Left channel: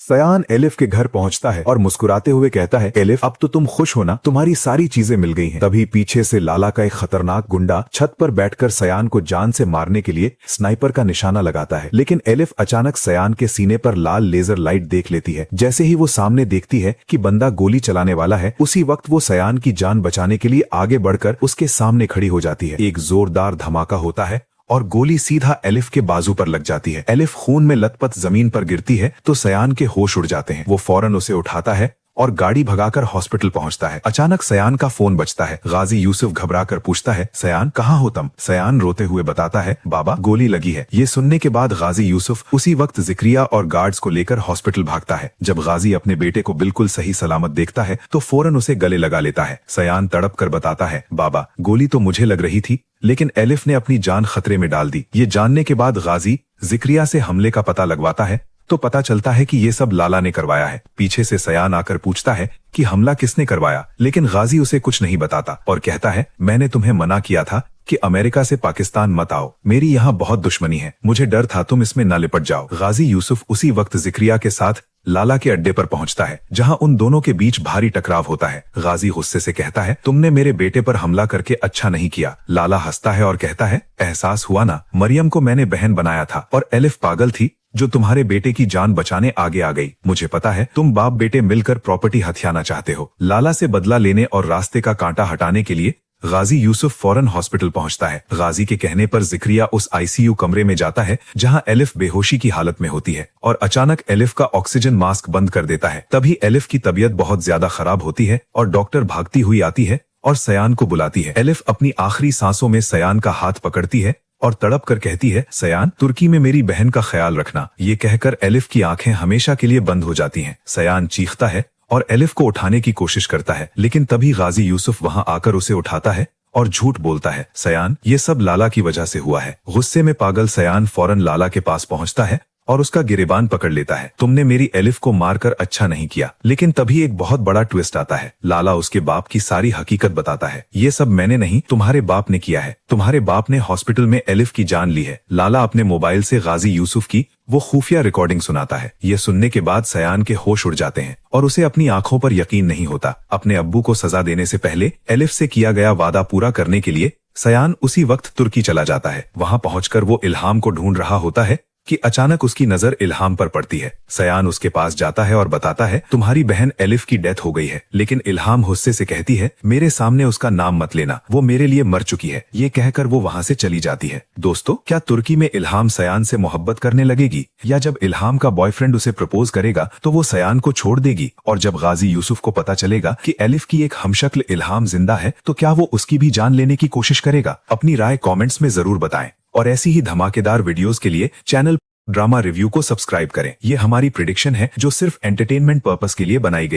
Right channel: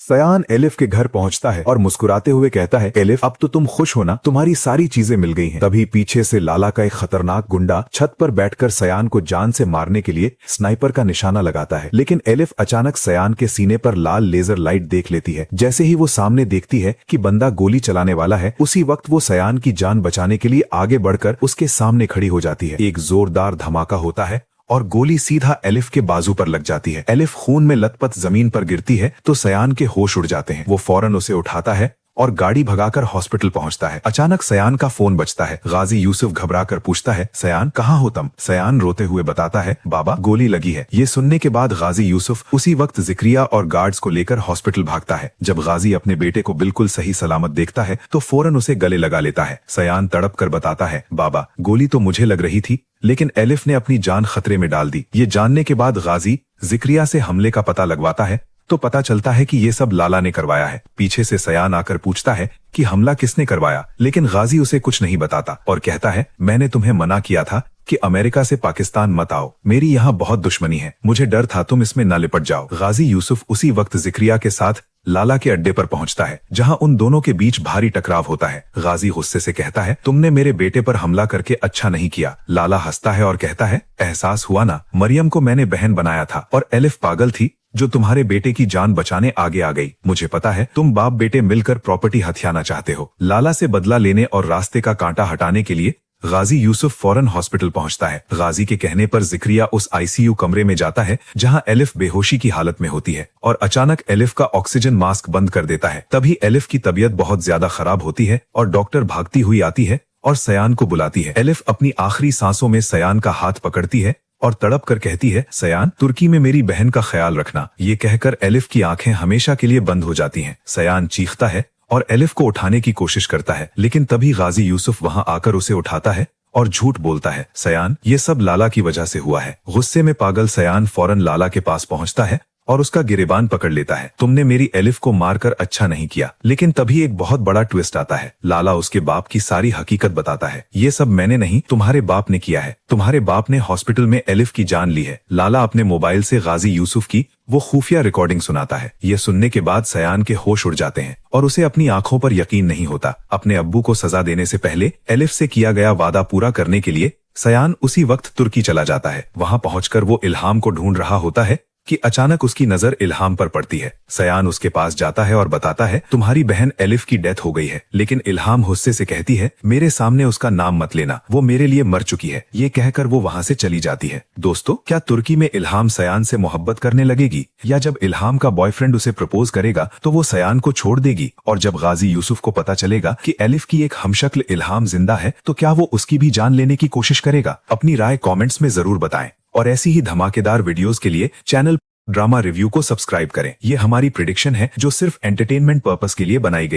सयान एलिफ के घर पहुंचता है और मुस्कुराते हुए कहता है, एलिफ अब तो तुम खुश हो ना, तुम्हारी सारी चीजें मिल गई हैं। तभी पीछे से लाला का एक खतरनाक गुंडा छत पर बैठकर सयान को जान से मारने के लिए स्नाइपर का निशाना लगाता है, लेकिन एलिफ अचानक सयान के सीने पर लाल लेजर लाइट देख लेती है। जैसे ही वो सामने देखती है कि बंदा गोली चलाने वाला है, उसी वक्त वो सयान की जान बचाने के लिए आगे बढ़कर उसके सामने खड़ी हो जाती है। एक जोरदार धमाका होता है और गोली सीधा एलिफ के बाजू पर लग जाती है। एलिफ खून में लथपथ जमीन पर गिरती है तो सयान के होश उड़ जाते हैं। वो फौरन उसे उठाता है और गाड़ी भगाकर हॉस्पिटल पहुंचता है। अचानक सयान का फोन बजता है। गाजी यूसुफ घबराकर पूछता है, सयान कहाँ हो तुम? सयान रोते हुए बताता है, बाबा गोली लगी है। ये सुनने के बाद गाजी यूसुफ उसी वक्त जिक्रिया और गार्ड्स को लेकर हॉस्पिटल भागता है। जब गाजी अपने बेटे को बिल्कुल सही सलामत देखता है तो फौरन उसे गले लगा लेता है। सयान तड़प कर बताता है, बाबा गोली तो मुझे लग रही थी, लेकिन एलिफ ने अपनी जान खतरे में डाल दी। ये जानने के बाद गाजी जिक्रिया से हमले का पता लगवाता है तो पता चलता है कि ये सब लाला ने करवाया है। पीछे से सयान आकर पूछता है कि हमला किसने करवाया, लेकिन गाजी उसे कुछ नहीं बताता और कहता है, मैंने तुम्हें मना किया था कि अमेरिका से पाकिस्तान मत आओ, मेरी यहाँ बहुत दुश्मनी है, मुझे डर था तुम इसमें न लिपट जाओ। गाजी यूसुफ उसी वक्त जिक्रिया के साथ लाला के अड्डे पर पहुंचता है, जहां उन दोनों के बीच भारी टकराव होता है। गाजी गुस्से से कहता है, तुमने मेरे बेटे पर हमला करके अच्छा नहीं किया। लाला हंसता है और कहता है, एहसास हुआ ना, मरियम को मैंने बहन बनाया था और एलिफ पागल थी जो तुम्हारे बेटे की जान बचाने आगे आ गई। मुझे पता है तुम बाप बेटे मिलकर प्रॉपर्टी हथियाना चाहते हो। लाला से बदला लेने और रास्ते का कांटा हटाने के लिए गाजी यूसुफ फौरन हॉस्पिटल पहुंचता है। गाजी के कहने पर जिक्रिया उस आईसीयू कमरे में जाता है जहां एलिफ बेहोशी की हालत में होती है और अचानक एलिफ का ऑक्सीजन मास्क बंद कर देता है। तभी एलिफ की तबीयत बहुत ज्यादा खराब होती है और डॉक्टर भागती हुई आती है और सयान को बुलाती है। एलिफ अपनी आखिरी सांसों में सयान का हाथ पकड़ती है और तड़प कर कहती है, सयान तुर्की में मेरी बहन का ख्याल रखना। ये कहकर एलिफ की आंखें हमेशा के लिए बंद हो जाती हैं। सयान चीखता है और एलिफ को उठाने की कोशिश करता है, लेकिन तभी गाजी यूसुफ वहां आकर उसे उठाता है और झूठ बोलता है, सयान ये सब लाला की वजह से हुआ है। गुस्से में पागल सयान फौरन लाला के पास पहुंचता है और उसका गिरेबान पकड़ लेता है। तुमने मेरी एलिफ को मारकर अच्छा नहीं किया। लेकिन तभी एक बहुत बड़ा ट्विस्ट आता है। लाला उसके बाप की सारी हकीकत बताता है। ये सब मैंने नहीं, तुम्हारे बाप ने किया है। तुम्हारे बाप ने हॉस्पिटल में एलिफ की जान ली है। लाला अपने मोबाइल से गाजी यूसुफ की वो खुफिया रिकॉर्डिंग सुनाता है। ये सुनने के बाद सयान के होश उड़ जाते हैं और उसे अपनी आंखों पर यकीन नहीं होता। अपने अब्बू को सजा देने से पहले एलिफ से किया गया वादा पूरा करने के लिए सयान उसी वक्त तुर्की चला जाता है। वहां पहुंचकर वो इल्हाम को ढूंढ रहा होता है कि अचानक उसकी नजर इल्हाम पर पड़ती है। सयान उसके पास जाता है और बताता है, तुम्हारी बहन एलिफ की डेथ हो गई है। लेकिन इल्हाम गुस्से से कहती है, मेरे सामने उसका नाम मत लेना, वो मेरे लिए मर चुकी है। ये कहकर वो वहाँ से चली जाती है। दोस्तों, क्या तुर्की में इल्हाम सयान से मोहब्बत करने लगेगी, या जब इल्हाम का बॉयफ्रेंड उसे प्रपोज करेगा तो वो सयान को छोड़ देगी? और जब गाजी यूसुफ को पता चलेगा कि एलिफ की एक हमशक्ल इल्हाम जिंदा है तो क्या वो उसकी भी जान लेने की कोशिश करेगा? अपनी राय कमेंट्स में जरूर बताएं और ऐसी ही धमाकेदार वीडियोस के लिए चैनल ड्रामा रिव्यू को सब्सक्राइब करें। ये हमारी प्रेडिक्शन है जो सिर्फ एंटरटेनमेंट पर्पस के लिए बनाई गई है।